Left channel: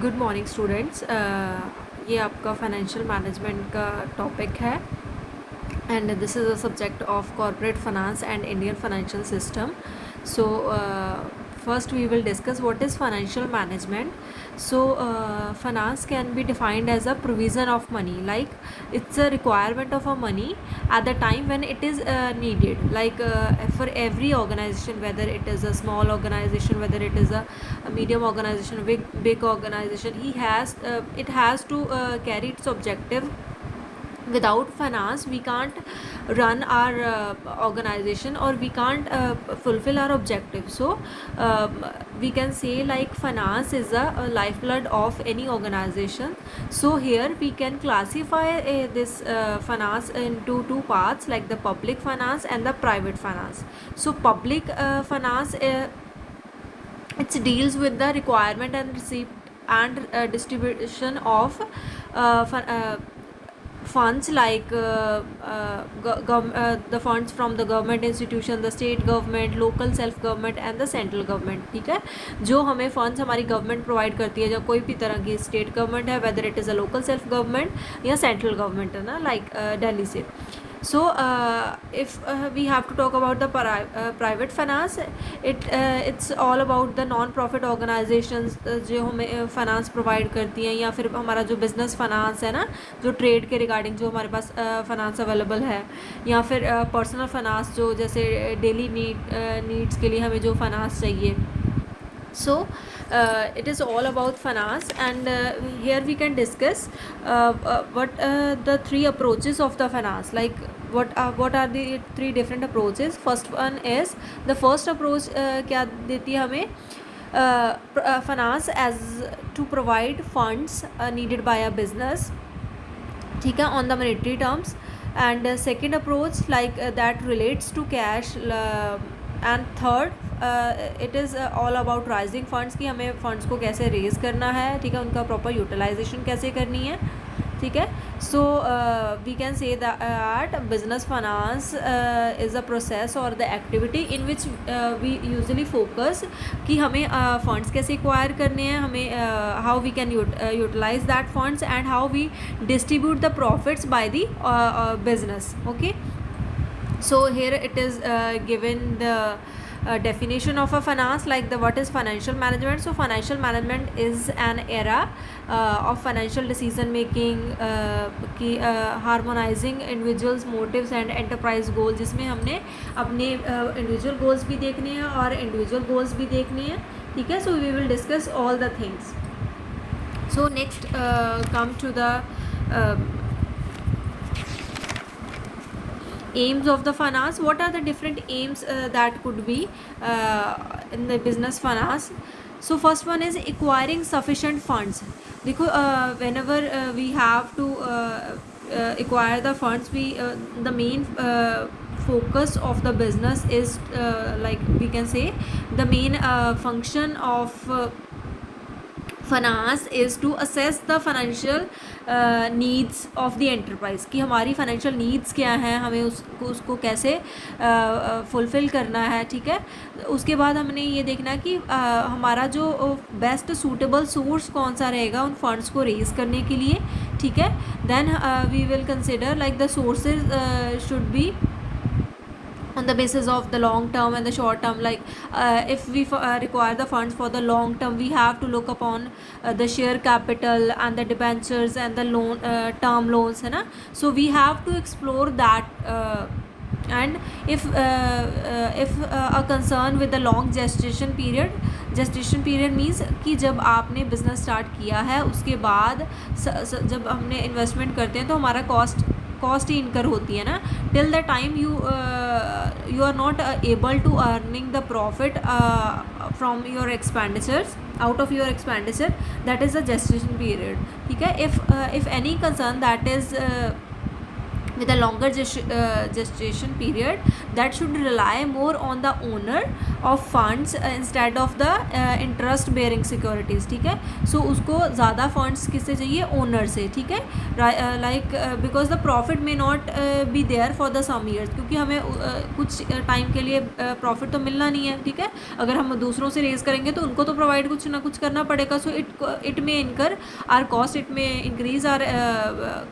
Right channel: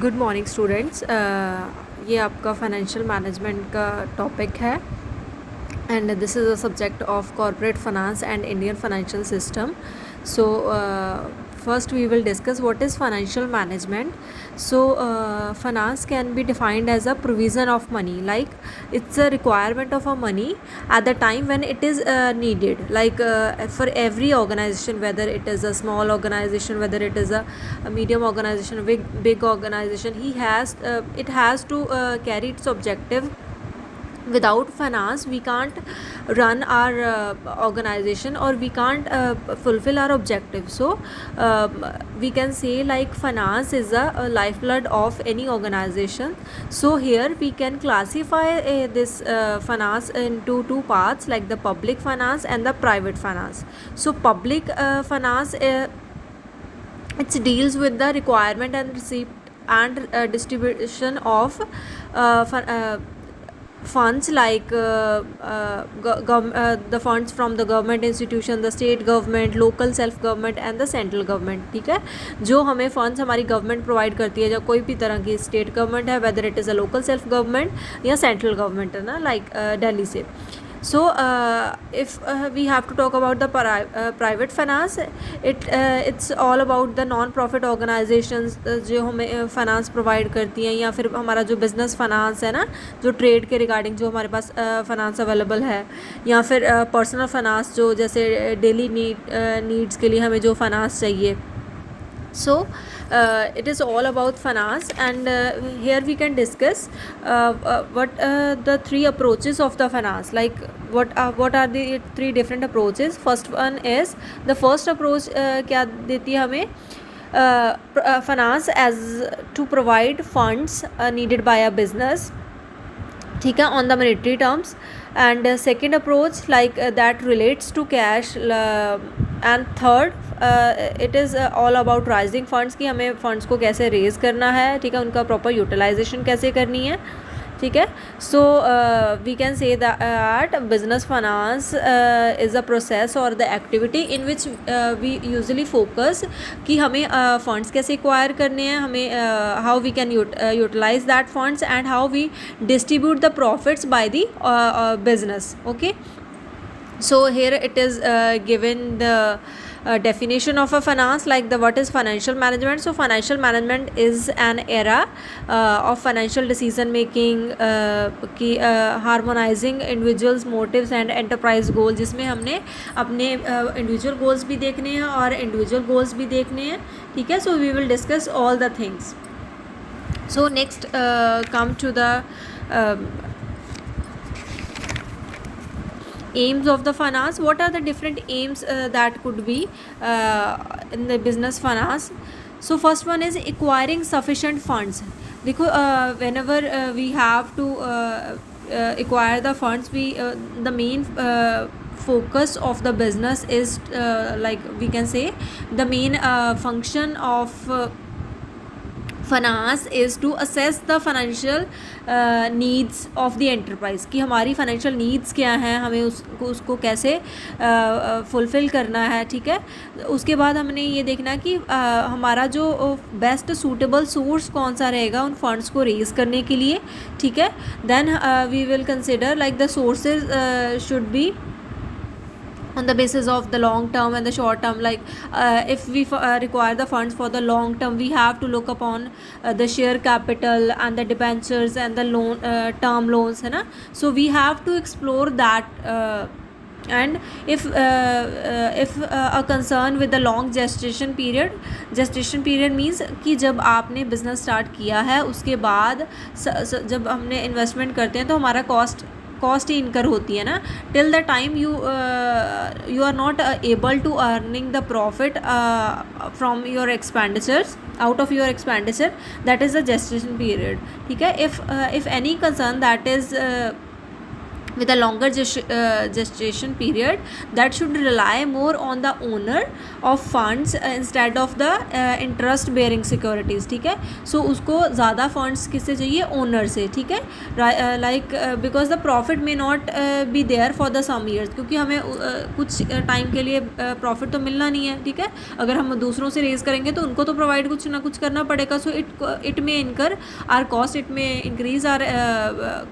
Good morning students. ये आपका financial management का टॉपिक है and this is a subject of corporate finance and Indian financial system. So first we will discuss what is financial management. So finance can be defined as a provision of money, like it's a requirement of a money at the time when it is needed, like for every organization, whether it is a small organization, whether it is a medium organization, big organization, it has to carry its objective. Without finance we can't run our organization, or we can't fulfill our objective. So we can say like finance is a lifeblood of any organization. So here we can classify this finance into two parts, like the public finance and the private finance. So public finance, it deals with the requirement and receipt and distribution of funds, like the funds from the government institution, the state government, local self government and the central government. ठीक है, जो हमें funds हमारी government provide करती है, या कोई भी तरह की state government है, whether it is a local self government या central government है ना, like Delhi से. So if we have to talk about the private finance, it's all about the non-profit organizations जो हमें finance provide करती हैं, या फिर हमारा जो business finance है ना, जो trade के regarding जो हमारे पास finance available है, या फिर personal finance जो जैसे daily needs के लिए हमें जो finance चाहिए. So it is all about finance, and here we can discuss what the three approaches of the finance, like what are the three different approaches. First one is, the first approach क्या देती है हमें finance as to provide funds needed by a business, ठीक है, on the monetary terms. And second approach, like that relates to cash, and third it is all about raising funds, कि हमें funds को कैसे raise करना है, ठीक है, उनका proper utilization कैसे करनी है, ठीक है. So we can say that business finance is a process or the activity in which we usually focus कि हमें funds कैसे acquire करने हैं, हमें how we can utilize that funds, and how we distribute the profits by the business. Okay, so here it is given the definition of a finance, like the what is financial management. So financial management is an era of financial decision making, की harmonizing individuals motives and enterprise goals, जिसमें हमने अपने individual goals भी देखने हैं और individual goals भी देखने हैं, ठीक है. So we will discuss all the things. So next come to the aims of the finance. What are the different aims that could be in the business finance? So first one is acquiring sufficient funds. देखो whenever we have to acquire the funds, we the main focus of the business is like we can say the main function of finance is to assess the financial needs of the enterprise, कि हमारी financial needs क्या हैं, हमें उसको कैसे fulfill करना है, ठीक है. उसके बाद हमने ये देखना कि हमारा जो best suitable source कौन सा रहेगा उन funds को raise करने के लिए, ठीक है. Then we will consider like the sources should be on the basis of the long term and the short term. Like if we require the funds for the long term, we have to look upon the share capital and the debentures and the loan term loans, है ना. So we have to explore that. And if a concern with the long gestation period means कि जब आपने business start किया है उसके बाद जब हमने investment करते हैं तो हमारा cost ही incur होती है ना, till the time you are not able to earning the profit from your expenditures, out of your expenditure, that is the gestation period, ठीक है. If any concern that is with a longer gestation period that should rely more on the owner of funds instead of the interest bearing securities, ठीक है. So उसको ज़्यादा funds किससे चाहिए, owner से, ठीक है. Like because the profit may not be there for the some years, क्योंकि हमें कुछ टाइम के लिए प्रॉफिट तो मिलना नहीं है, ठीक है. अगर हम दूसरों से रेज करेंगे तो उनको तो प्रोवाइड कुछ ना कुछ करना पड़ेगा. सो it may incur our cost, it may increase our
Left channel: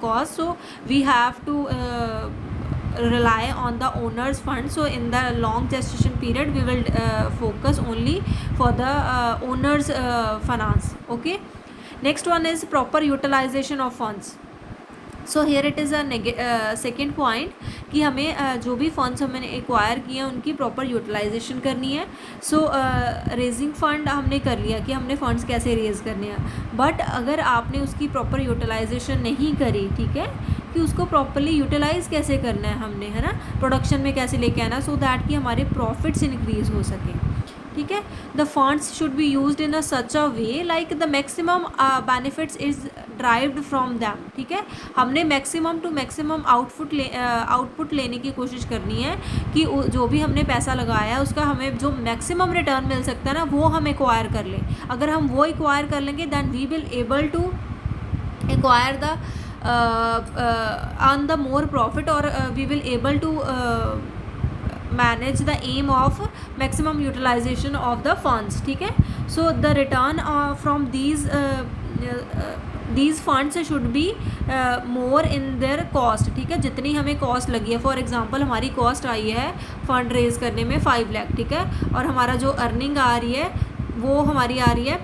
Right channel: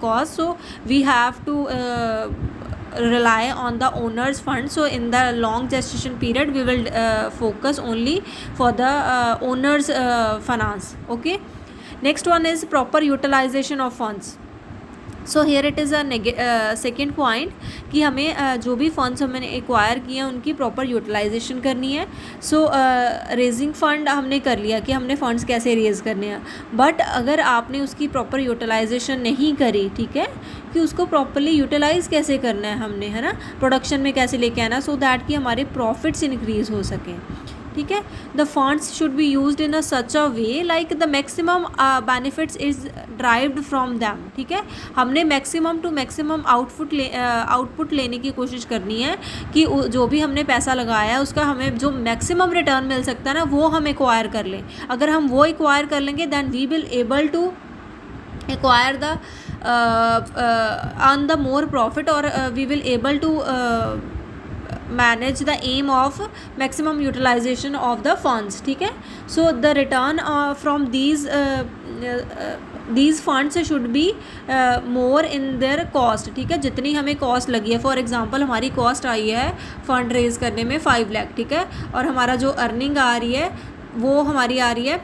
cost. So we have to rely on the owner's fund. So in the long gestation period we will focus only for the owner's finance. Okay, next one is proper utilization of funds. So here it is second point कि हमें जो भी funds हमने acquire किए हैं उनकी proper utilisation करनी है. सो रेजिंग फ़ंड हमने कर लिया कि हमने फ़ंड्स कैसे रेज़ करने हैं, बट अगर आपने उसकी प्रॉपर यूटिलाइजेशन नहीं करी, ठीक है, कि उसको प्रॉपरली यूटिलाइज़ कैसे करना है हमने, है ना, प्रोडक्शन में कैसे लेके आना, सो दैट कि हमारे प्रॉफिट्स इंक्रीज़ हो सकें, ठीक है. The funds should be used in a such a way like the maximum benefits is derived from them, ठीक है. हमने मैक्सिमम टू मैक्सिमम आउटपुट लेने की कोशिश करनी है कि जो भी हमने पैसा लगाया है उसका हमें जो मैक्सिमम रिटर्न मिल सकता है ना, वो हम एक्वायर कर लें. अगर हम वो एक्वायर कर लेंगे then we will able to acquire the earn the more profit, और we will able to manage the aim of maximum utilization of the funds, ठीक है. So the return from these funds should be more in their cost, ठीक है. जितनी हमें cost लगी है, for example हमारी कॉस्ट आई है फंड रेज करने में 5 लाख, ठीक है, और हमारा जो अर्निंग आ रही है वो हमारी आ रही है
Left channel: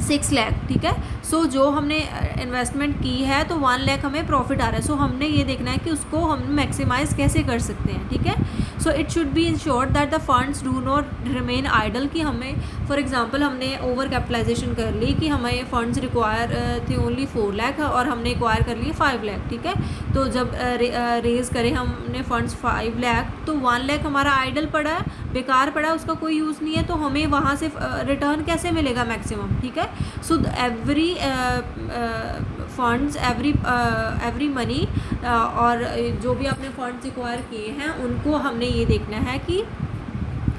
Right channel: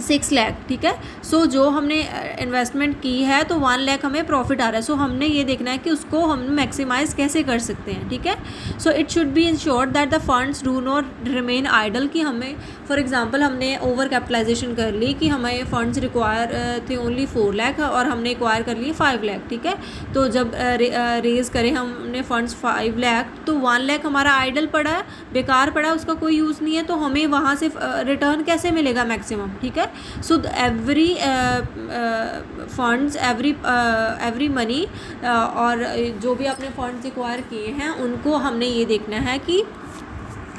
6 लाख, ठीक है. सो जो हमने इन्वेस्टमेंट की है तो 1 लाख हमें प्रॉफिट आ रहा है. सो हमने ये देखना है कि उसको हम मैक्सिमाइज़ कैसे कर सकते हैं, ठीक है. So it should be insured that the funds do not remain idle, कि हमें फॉर एग्जांपल हमने ओवर कैपिटलाइजेशन कर ली कि हमें फंड्स रिक्वायर थे ओनली 4 लाख और हमने एक्वायर कर लिए 5 लाख, ठीक है. तो जब रेज़ करें हमने फंड्स 5 लाख तो 1 लाख हमारा आइडल पड़ा, बेकार पड़ा, उसका कोई यूज़ नहीं है, तो हमें वहाँ से रिटर्न कैसे मिलेगा मैक्सिमम, ठीक है. So every funds, every money, और जो भी आपने फंड्स एक्वायर किए हैं उनको हमने ये देखना है कि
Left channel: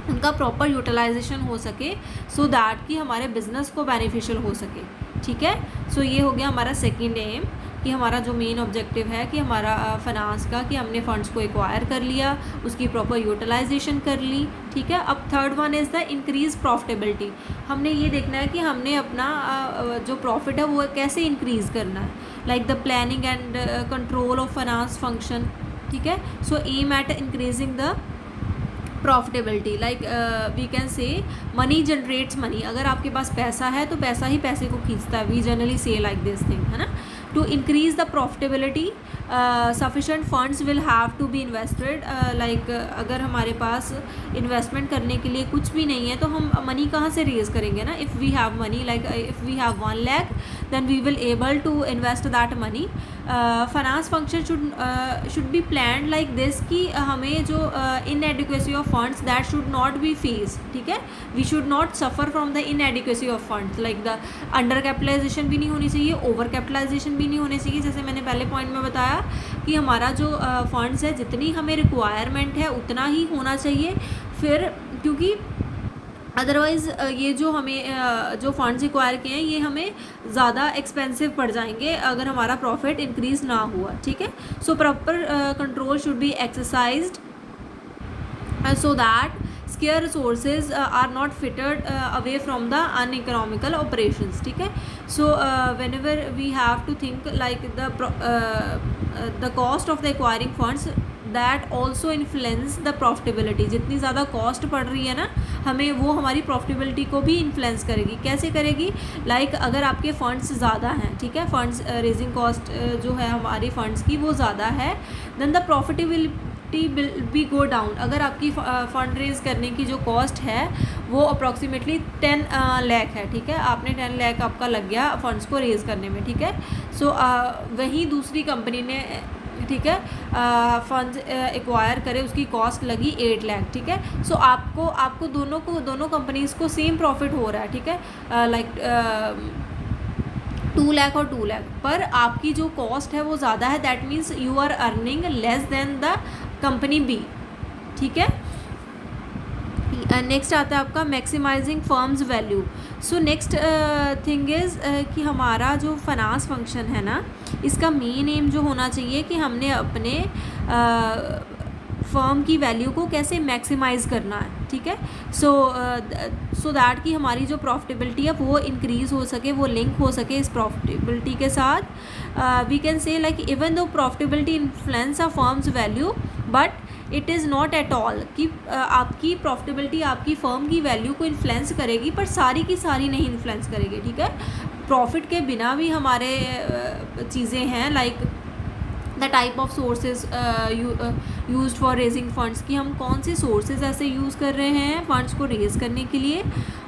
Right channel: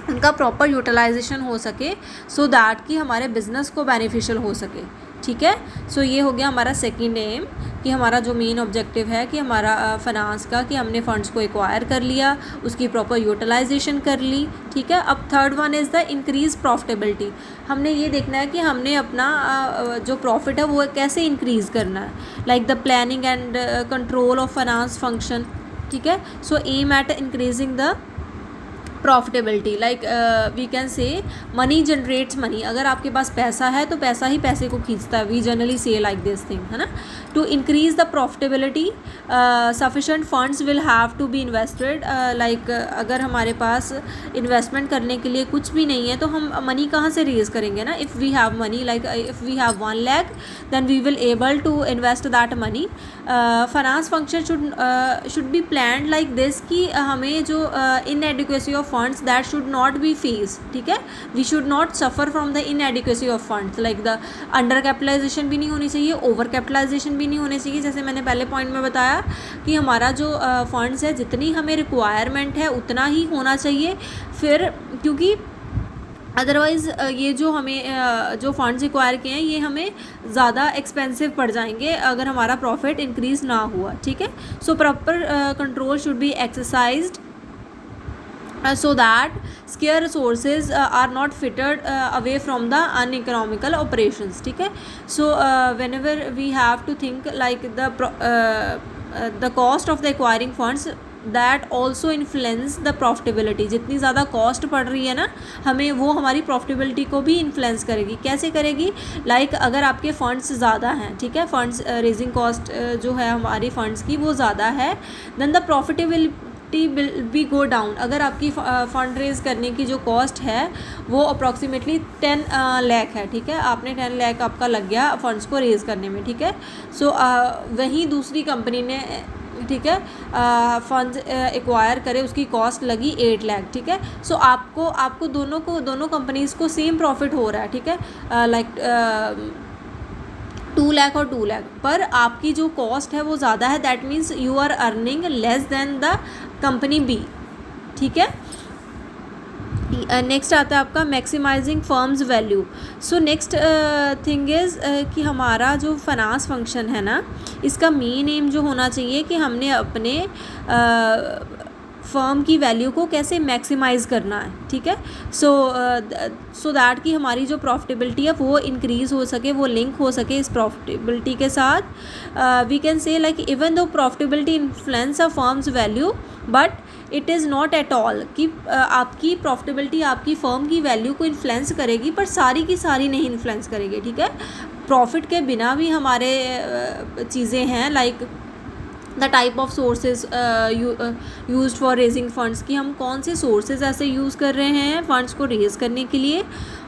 उनका प्रॉपर यूटिलाइजेशन हो सके, सो दैट कि हमारे बिज़नेस को बेनिफिशियल हो सके, ठीक है. सो ये हो गया हमारा सेकंड एम, कि हमारा जो मेन ऑब्जेक्टिव है कि हमारा फाइनेंस का, कि हमने फ़ंड्स को एक्वायर कर लिया, उसकी प्रॉपर यूटिलाइजेशन कर ली, ठीक है. अब third one is the increase profitability. हमने ये देखना है कि हमने अपना जो प्रॉफिट है वो कैसे इंक्रीज़ करना है, like the planning and control of finance function, ठीक है. So aim at increasing the profitability, like we can say money generates money. अगर आपके पास पैसा है तो पैसा ही पैसे को खींचता है. We generally say like this thing, है ना. To increase the profitability sufficient funds will have to be invested. Like अगर हमारे पास इन्वेस्टमेंट करने के लिए कुछ भी नहीं है तो हम मनी कहाँ से रेज करेंगे ना. If we have money, like if we have 1 lakh then we will able to invest that money. Finance function should be planned like this, कि हमें जो inadequacy of funds that should not be face, ठीक है. We should not suffer from the inadequacy of funds, like the under capitalisation भी नहीं होनी चाहिए, over capitalisation भी नहीं होनी चाहिए. जैसे मैंने पहले पॉइंट में बताया कि हमारा जो फंड्स है जितनी हमें रिक्वायरमेंट है उतना ही होना चाहिए. फिर क्योंकि अदरवाइज़ ये जो हमें जो फंड्स एक्वायर किए हैं ये हमें ज़्यादा एक्सपेंसिव पड़ जाएंगे अगर हमारा प्रॉफिट इंक्रीज़ ना हुआ, ठीक है. So proper control should be exercised so that scarce resources are not fitted away from the uneconomical operations, ठीक है. So whenever we have to think like the cost of the acquiring funds that also influence the profitability. जितनी ज़्यादा cost पड़ रही है ना हमें, वो हमारी प्रॉफिटेबिलिटी को भी इन्फ्लुएंस करेगी. कैसे करेगी, लाइक अगर आपके फंड्स ज़्यादा हैं, ठीक है, फंड्स रेजिंग कॉस्ट जो है हमारी फंड्स की वो ज़्यादा है, then the profitability will be go down. अगर आपकी फ़ंड रेज़ करने की जो कॉस्ट है वो अप्रॉक्सीमेटली 10 लाख है, ठीक है, आपने 10 लाख आपका लग गया फंड्स को रेज़ करने में, ठीक है. सो वहीं दूसरी कंपनी ने, ठीक है, फंड्स एक्वायर करे, उसकी कॉस्ट लगी 8 लाख, ठीक है. सो आपको दोनों कंपनीज़ को सेम प्रॉफिट हो रहा है, ठीक है, लाइक 2 लाख और 2 लाख, पर आपकी जो कॉस्ट है वो ज़्यादा है, that means you are earning less than the company be, ठीक है। नेक्स्ट आता है आपका maximising firm's value. So next thing is कि हमारा जो फाइनेंस फंक्शन है ना, इसका मेन एम जो होना चाहिए कि हमने अपने फर्म की वैल्यू को कैसे मैक्सिमाइज़ करना है, ठीक है। सो दैट कि हमारी जो प्रॉफिटेबिलिटी है वो इंक्रीज़ हो सके, वो लिंक हो सके इस प्रॉफिटेबिलिटी के साथ। We can say like even though profitability influence a firm's value, but it is not at all कि आपकी प्रॉफिटेबिलिटी आपकी फ़र्म की वैल्यू को इन्फ्लुएंस करेगी, पर सारी की सारी नहीं इन्फ्लुएंस करेगी, ठीक है। प्रॉफिट के बिना भी हमारे चीज़ें हैं, like the type of sources use for raising funds, कि हम कौन से सोर्सेज ऐसे यूज़ कर रहे हैं फंड्स को रेज करने के लिए,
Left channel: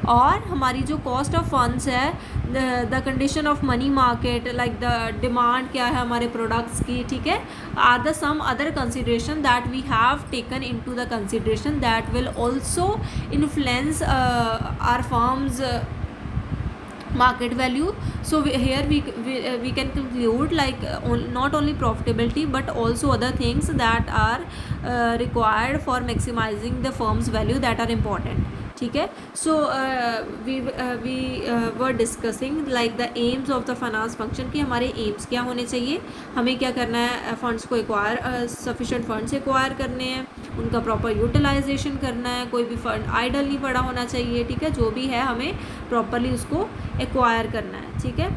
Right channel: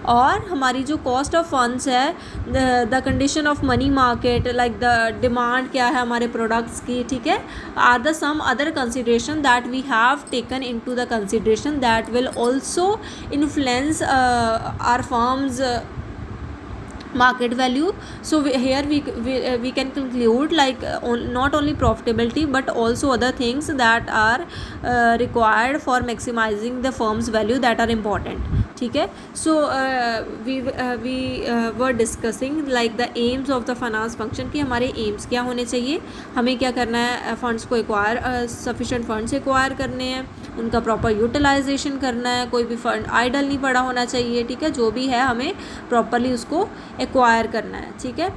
और हमारी जो कॉस्ट ऑफ फंड्स है, the condition of money market, like the demand क्या है हमारे प्रोडक्ट्स की, ठीक है, are the some other consideration that we have taken into the consideration that will also influence our firm's market value. So here we can conclude like not only profitability but also other things that are required for maximizing the firm's value that are important, ठीक है। So we were discussing like the aims of the finance function, कि हमारे aims क्या होने चाहिए, हमें क्या करना है, फंड्स को एक्वायर सफिशेंट फंड्स एक्वायर करने हैं, उनका प्रॉपर यूटिलाइजेशन करना है, कोई भी फंड आइडल नहीं पड़ा होना चाहिए, ठीक है, जो भी है हमें प्रॉपरली उसको एक्वायर करना है, ठीक है।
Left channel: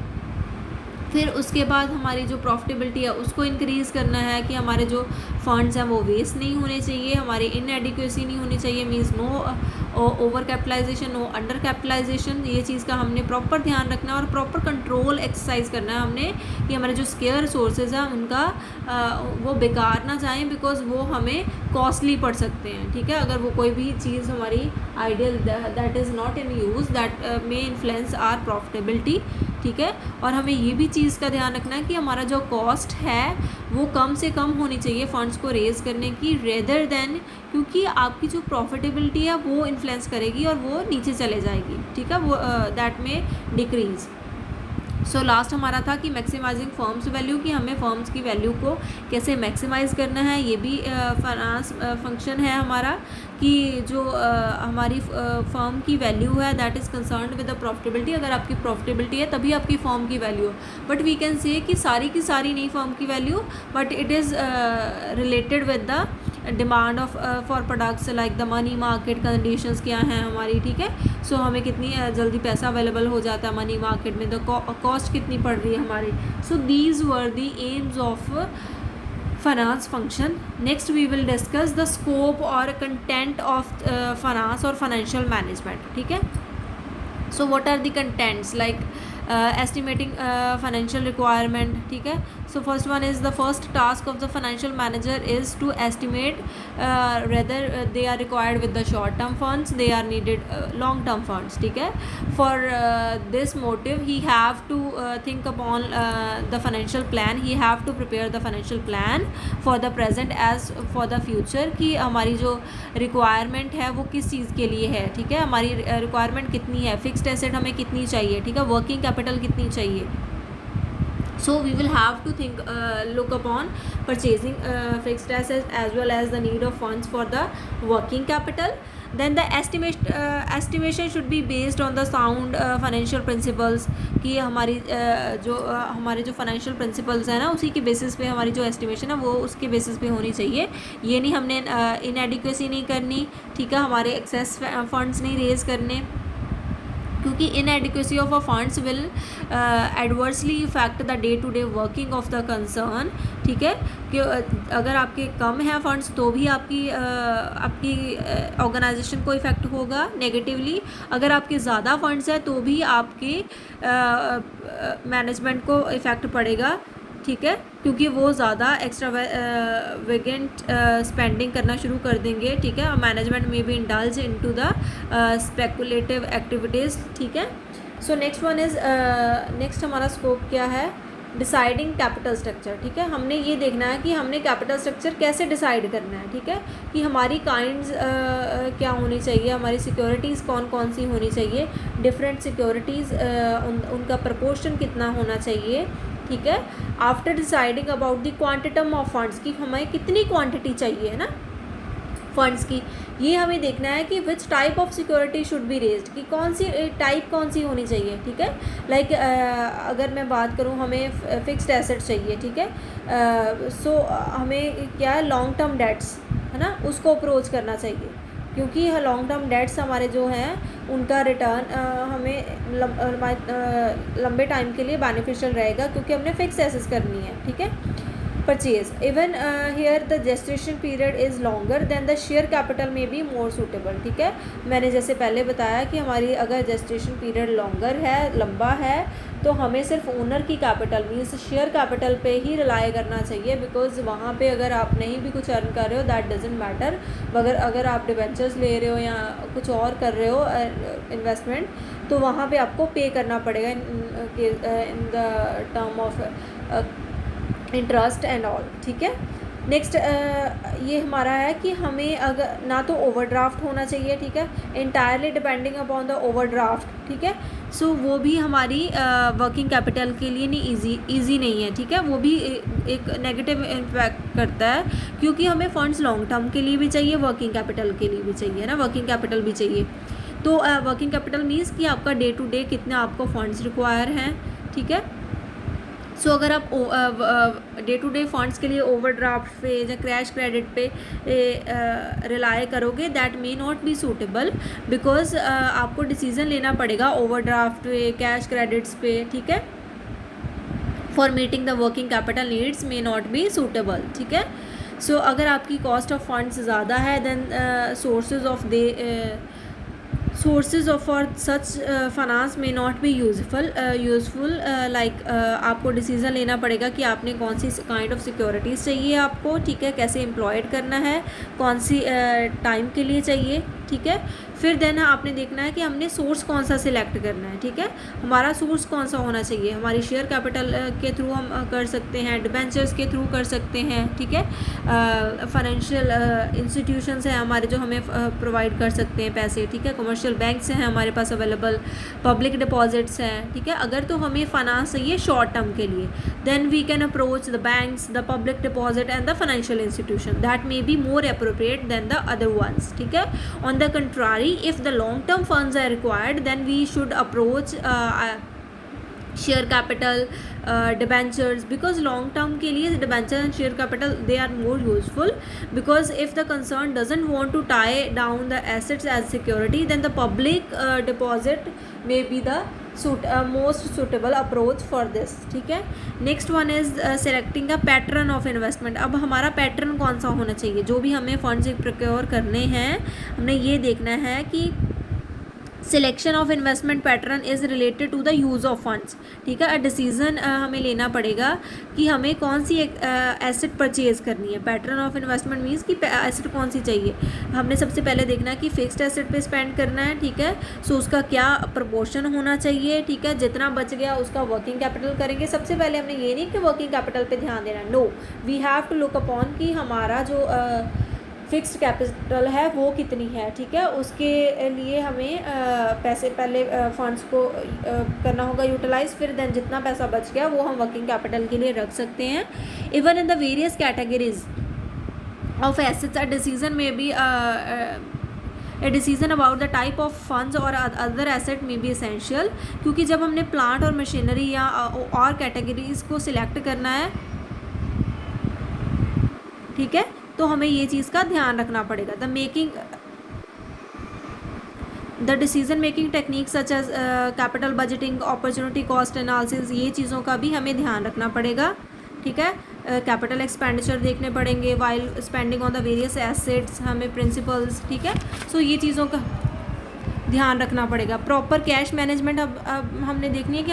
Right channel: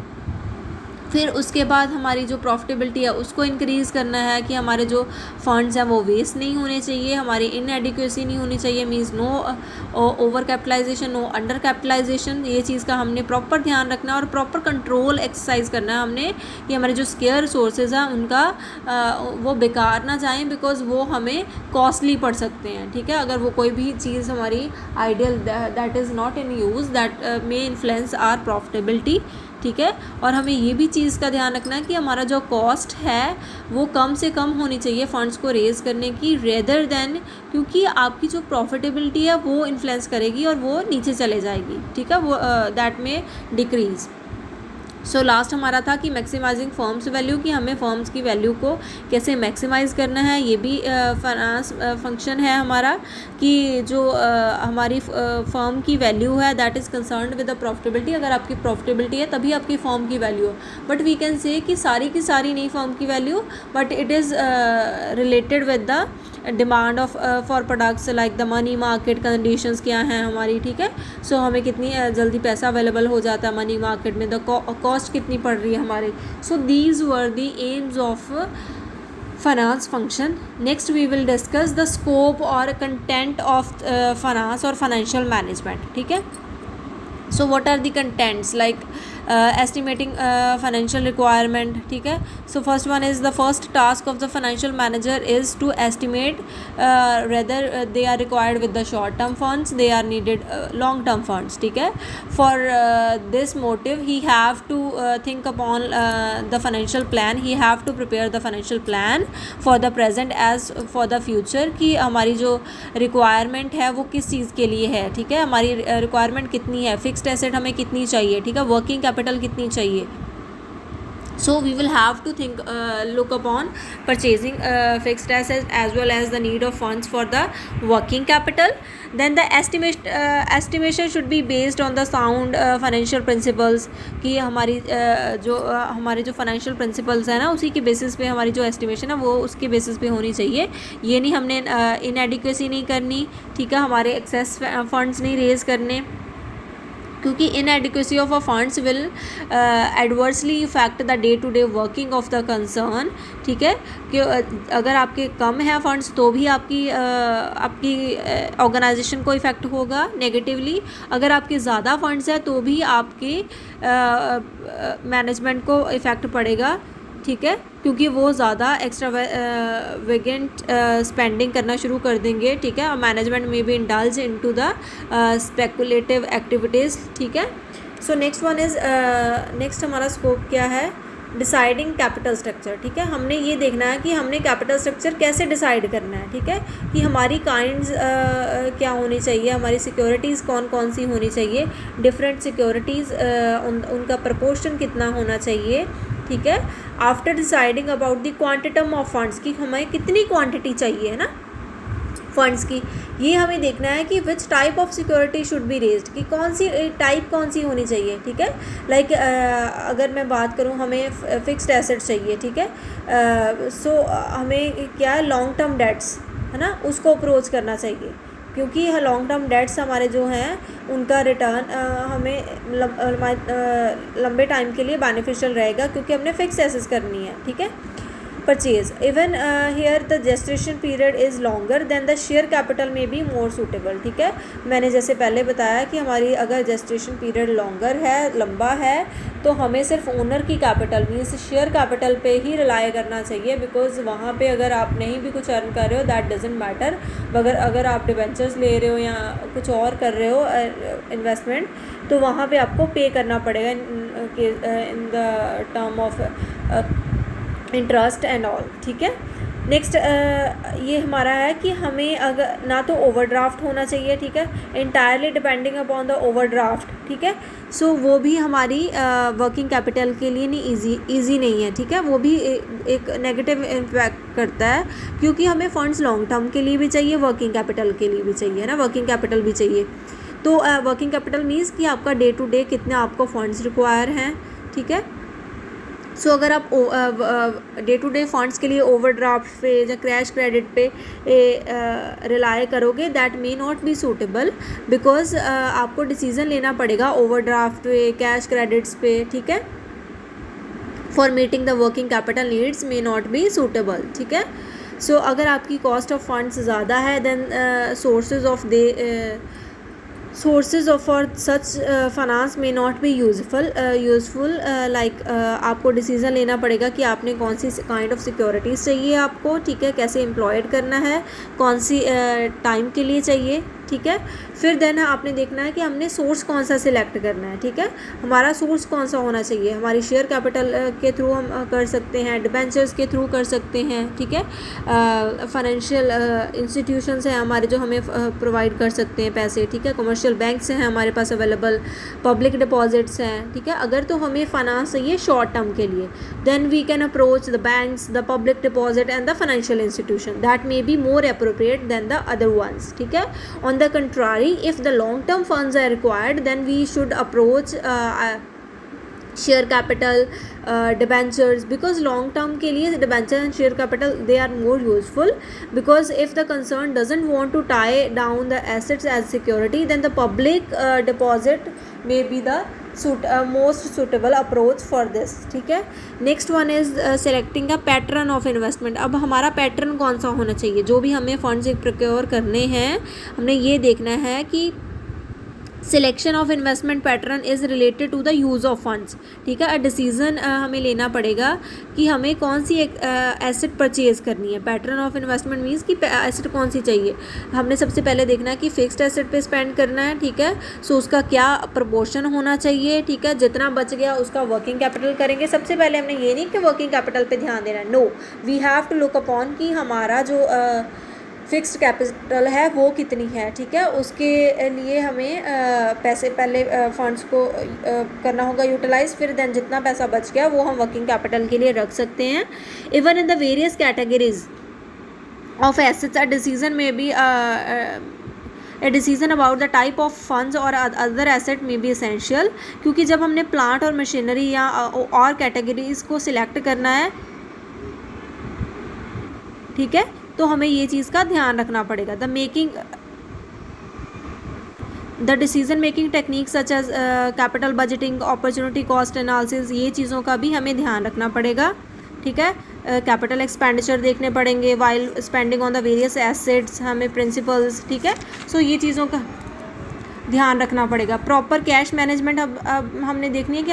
फिर उसके बाद हमारी जो प्रॉफिटेबिलिटी है उसको इंक्रीज़ करना है, कि हमारे जो फंड्स हैं वो वेस्ट नहीं होने चाहिए, हमारी इनएडिक्वेसी नहीं होनी चाहिए, means no over capitalisation, no under capitalisation, ये चीज़ का हमने प्रॉपर ध्यान रखना है, और प्रॉपर कंट्रोल एक्सरसाइज करना है हमने, कि हमारे जो स्केयर सोर्सेज हैं उनका वो बेकार ना जाएँ, बिकॉज वो हमें कॉस्टली पड़ सकते हैं, ठीक है। अगर वो कोई भी चीज़ हमारी ideal that is not in use that may influence our profitability, ठीक है। और हमें ये भी चीज़ का ध्यान रखना है कि हमारा जो कॉस्ट है वो कम से कम होनी चाहिए फंड्स को रेज़ करने की, रेदर देन, क्योंकि आपकी जो प्रॉफिटेबिलिटी है वो इन्फ्लुएंस करेगी और वो नीचे चले जाएगी, ठीक है, वो दैट में डिक्रीज़। सो लास्ट हमारा था कि मैक्सिमाइजिंग फर्म्स वैल्यू, कि हमें फर्म्स की वैल्यू को कैसे मैक्सिमाइज़ करना है, ये भी फाइनेंस फंक्शन है हमारा, कि जो हमारी फर्म की वैल्यू है that is concerned with the profitability, अगर आपकी प्रॉफिटेबिलिटी है तभी आपकी फर्म की वैल्यू है, बट वी कैन से कि सारी की सारी नहीं फर्म की value, but it is related with the demand of for products, like the money market conditions क्या हैं हमारी, ठीक है। सो हमें कितनी जल्दी पैसा अवेलेबल हो जाता है मनी मार्केट में, द कॉस्ट कितनी पड़ रही है हमारी। So these were the aims of finance function. Next we will discuss the scope और कंटेंट ऑफ फाइनेंस और फाइनेंशियल मैनेजमेंट, ठीक है। So what are the contents, like estimating financial requirement, ठीक है। So first one is the first task of the financial manager is to estimate whether they are required with the short term funds, they are needed long term funds, ठीक है। For this motive he have to think upon the financial plan, he have to prepare the financial plan for the present as for the future, कि हमारी जो requirement है वो किस चीज़ के लिए है, ठीक है, हमारी रिक्वायरमेंट कितनी है, फिक्स्ड एसेट हमें कितनी चाहिए, ठीक है, वर्किंग कैपिटल कितनी चाहिए। So we will have to think look upon purchasing fixed assets as well as the need of funds for the working capital. Then the estimation should be based on the sound financial principles, कि हमारी हमारे जो financial principles है ना उसी के basis पे हमारी जो estimation है वो उसके basis पे होनी चाहिए। ये नहीं हमने inadequacy नहीं करनी, ठीक है, हमारे excess funds नहीं raise करने, क्योंकि inadequacy of a funds will adversely effect the day to day working of the concern, ठीक है, कि अगर आपके कम है फंड्स तो भी आपकी ऑर्गेनाइजेशन को इफ़ेक्ट होगा नेगेटिवली, अगर आपके ज़्यादा फंड्स है तो भी आपके मैनेजमेंट को इफ़ेक्ट पड़ेगा, ठीक है, क्योंकि वो ज़्यादा एक्स्ट्रावेगेंट स्पेंडिंग करना शुरू कर देंगे, ठीक है, और मैनेजमेंट में भी indulge into the speculative activities, ठीक है। So next one is next हमारा स्कोप क्या है, डिसाइडिंग कैपिटल स्ट्रक्चर, ठीक है, हमने ये देखना है कि हमने कैपिटल स्ट्रक्चर कैसे डिसाइड करना है, ठीक है, कि हमारी काइंड्स क्या होनी चाहिए, हमारी सिक्योरिटीज़ कौन कौन सी होनी चाहिए, डिफरेंट सिक्योरिटीज़ उनका प्रपोर्शन कितना होना चाहिए, ठीक है। After deciding about the quantum of funds, कि हमें कितनी क्वांटिटी चाहिए है ना फंड्स की, ये हमें देखना है कि which type of security should be raised, कि कौन सी टाइप कौन सी होनी चाहिए, ठीक है। लाइक अगर मैं बात करूँ, हमें फिक्स्ड एसेट चाहिए, ठीक है, सो हमें क्या लॉन्ग टर्म डेट्स है ना, उसको अप्रोच करना चाहिए, क्योंकि लॉन्ग टर्म डेट्स हमारे जो हैं उनका रिटर्न हमें लंबे टाइम के लिए बेनिफिशियल रहेगा, क्योंकि हमने फिक्स एसेस करनी है, ठीक है। Purchase, even here the gestation period is longer than the share capital में बी मोर सूटेबल, ठीक है। मैंने जैसे पहले बताया कि हमारी अगर जेस्टेशन पीरियड लॉन्गर है, लंबा है, तो हमें सिर्फ ओनर की कैपिटल मीन्स शेयर कैपिटल पे ही रिलाई करना चाहिए, बिकॉज वहाँ पे अगर आप नहीं भी कुछ अर्न कर रहे हो दैट डजेंट मैटर, मगर अगर आप डिबेंचर्स ले रहे हो या कुछ और कर रहे हो इन्वेस्टमेंट, तो वहाँ पे आपको पे करना पड़ेगा in the term of interest and all, ठीक है। नेक्स्ट ये हमारा है कि हमें अगर ना तो ओवरड्राफ्ट होना चाहिए, ठीक है, entirely depending upon the overdraft, ठीक है, सो वो भी हमारी वर्किंग कैपिटल के लिए नहीं ईजी नहीं है, ठीक है, वो भी एक नेगेटिव इम्पैक्ट करता है, क्योंकि हमें फंड्स लॉन्ग टर्म के लिए भी चाहिए, वर्किंग कैपिटल के लिए भी चाहिए ना, वर्किंग कैपिटल भी चाहिए। तो वर्किंग कैपिटल मीन्स कि आपका डे टू डे कितने आपको फंड्स रिक्वायर हैं, ठीक है। सो अगर आप डे टू डे फंड्स के लिए ओवरड्राफ्ट पे या क्रैश क्रेडिट पे रिलाई करोगे, that may not be suitable, because आपको डिसीज़न लेना पड़ेगा ओवरड्राफ्ट पे, कैश क्रेडिट्स पे, ठीक है, for meeting the working capital needs may not be suitable, ठीक है। सो अगर आपकी कॉस्ट ऑफ फंड्स ज़्यादा है, then sources of for such finance may not be useful, like आपको डिसीज़न लेना पड़ेगा कि आपने कौन सी काइंड ऑफ सिक्योरिटीज़ चाहिए आपको, ठीक है, कैसे एम्प्लॉयड करना है, कौन सी टाइम के लिए चाहिए, ठीक है। फिर देन आपने देखना है कि हमने सोर्स कौन सा सिलेक्ट करना है, ठीक है, हमारा सोर्स कौन सा होना चाहिए, हमारी शेयर कैपिटल के थ्रू हम कर सकते हैं, डिबेंचर्स के थ्रू कर सकते हैं, ठीक है, फाइनेंशियल इंस्टीट्यूशंस हैं हमारे जो हमें प्रोवाइड कर सकते हैं पैसे, ठीक है, कमर्शियल बैंक्स हैं हमारे पास अवेलेबल, पब्लिक डिपॉजिट्स हैं, ठीक है। अगर तो हमें फाइनेंस चाहिए शॉर्ट टर्म के लिए, then we can approach the banks, the public deposit and the financial institution, that may be more appropriate than the other ones, ठीक है। On the contrary, if the long term funds are required, then we should approach share capital, debentures, because long term के लिए debenture and share capital they are more useful, because if the concern doesn't want to tie down the assets as security, then the public deposit may be the most suitable approach for this, ठीक है। Next one is selecting a pattern of investment. अब हमारा pattern कौन सा होना चाहिए, जो भी हमें फंड्स प्रोक्योर करने हैं, हमने ये देखना है कि selection of investment pattern is related to the use of funds, ठीक है। डिसीज़न हमें लेना पड़ेगा कि हमें कौन सी एक एसेट परचेज़ करनी है। पैटर्न ऑफ इन्वेस्टमेंट मीन्स कि एसेट कौन सी चाहिए, हमने सबसे पहले देखना है कि फिक्स्ड एसेट पे स्पेंड करना है, ठीक है, सो उसका क्या प्रपोर्शन होना चाहिए, ठीक है, जितना बच गया उसका वर्किंग कैपिटल करेंगे। सबसे पहले हमने ये नहीं कि वर्किंग कैपिटल पे ध्यान देना है, no, we have to look upon कि हमारा जो फिक्स्ड कैपिटल है वो कितनी है, ठीक है, उसके लिए हमें पैसे पहले फंड्स को करना होगा यूटिलाइज, फिर देन जितना पैसा बच गया वो हम वर्किंग कैपिटल के लिए रख सकते हैं। Even in the various categories of assets a decision में भी a decision about the type of funds और अदर एसेट में भी एसेंशियल, क्योंकि जब हमने प्लांट और मशीनरी या और कैटेगरीज़ को सिलेक्ट करना है, ठीक है, तो हमें ये चीज़ का ध्यान रखना पड़ेगा। The decision making technique such as capital budgeting, opportunity cost analysis, ये चीज़ों का भी हमें ध्यान रखना पड़ेगा, ठीक है। कैपिटल एक्सपेंडिचर देखने पड़ेंगे while spending on the various assets, हमें प्रिंसिपल्स, ठीक है, सो ये चीज़ों का ध्यान रखना पड़ेगा। प्रॉपर कैश मैनेजमेंट अब हमने देखनी है कि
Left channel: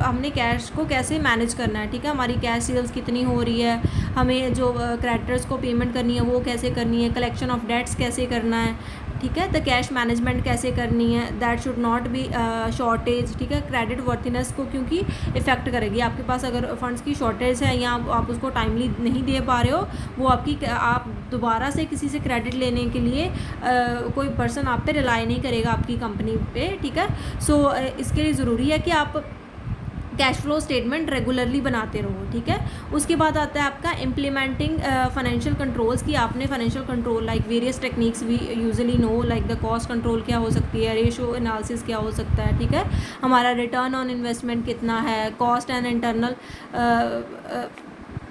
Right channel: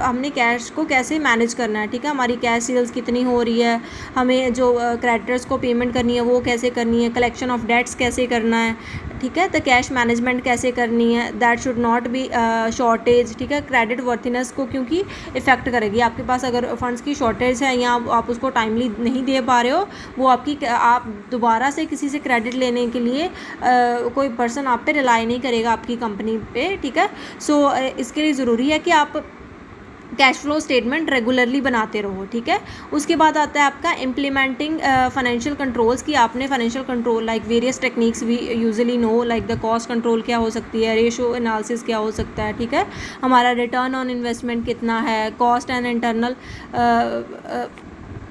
हमने कैश को कैसे मैनेज करना है, ठीक है, हमारी कैश सेल्स कितनी हो रही है, हमें जो क्रेडिटर्स को पेमेंट करनी है वो कैसे करनी है, कलेक्शन ऑफ डेट्स कैसे करना है, ठीक है। तो कैश मैनेजमेंट कैसे करनी है, that should not B shortage, ठीक है। क्रेडिट वर्थीनेस को क्योंकि इफ़ेक्ट करेगी, आपके पास अगर फंड्स की शॉर्टेज है या आप उसको टाइमली नहीं दे पा रहे हो, वो आप दोबारा से किसी से क्रेडिट लेने के लिए कोई पर्सन आप पे रिलाई नहीं करेगा, आपकी कंपनी पे, ठीक है। सो इसके लिए ज़रूरी है कि आप कैश फ्लो स्टेटमेंट रेगुलरली बनाते रहो, ठीक है। उसके बाद आता है आपका इम्प्लीमेंटिंग फाइनेंशियल कंट्रोल्स, की आपने financial control like various techniques we usually know, like the cost control क्या हो सकती है, रेशो एनालिसिस क्या हो सकता है, ठीक है। हमारा रिटर्न ऑन इन्वेस्टमेंट कितना है, कॉस्ट एंड इंटरनल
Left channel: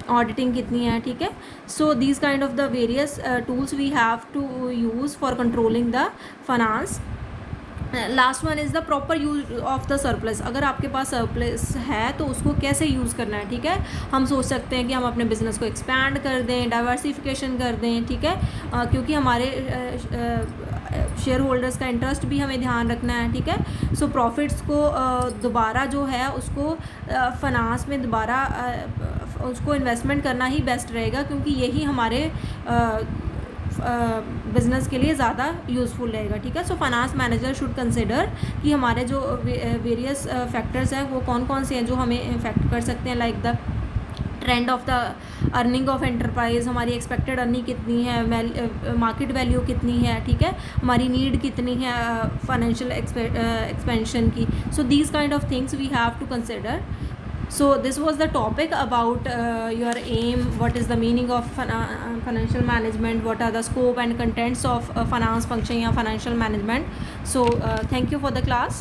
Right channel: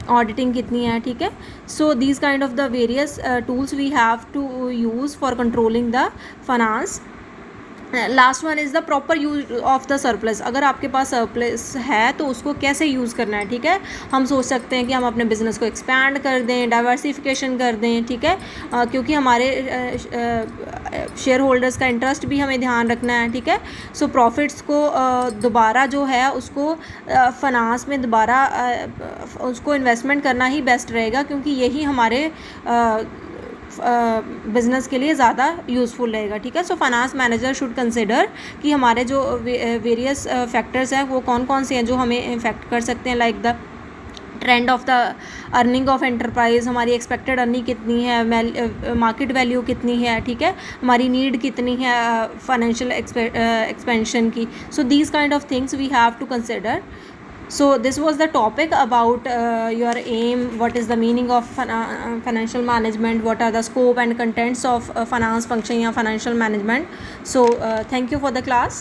ऑडिटिंग कितनी है, ठीक है। So these kind of the various tools we have to use for controlling the finance. Last one is the proper use of the surplus. अगर आपके पास surplus है तो उसको कैसे यूज़ करना है, ठीक है। हम सोच सकते हैं कि हम अपने बिज़नेस को एक्सपैंड कर दें, डाइवर्सिफिकेशन कर दें, ठीक है, क्योंकि हमारे शेयर होल्डर्स का इंटरेस्ट भी हमें ध्यान रखना है, ठीक है। सो प्रॉफिट्स को दोबारा जो है उसको फाइनेंस में दोबारा उसको इन्वेस्टमेंट करना ही बेस्ट रहेगा, क्योंकि यही हमारे बिज़नेस के लिए ज़्यादा यूज़फुल रहेगा, ठीक है। So finance manager should consider कि हमारे जो वेरियस फैक्टर्स हैं वो कौन कौन से हैं जो हमें इफेक्ट कर सकते हैं, like the trend of the earning of enterprise, हमारी एक्सपेक्टेड अर्निंग कितनी है, मार्केट वैल्यू कितनी है, ठीक है, हमारी नीड कितनी है फाइनेंशियल एक्सपेंशन की। So these kind of things we have to consider. So this was the topic about your aim, what is the meaning of financial management, what are the scope and contents of finance function या financial management. So thank you for the class.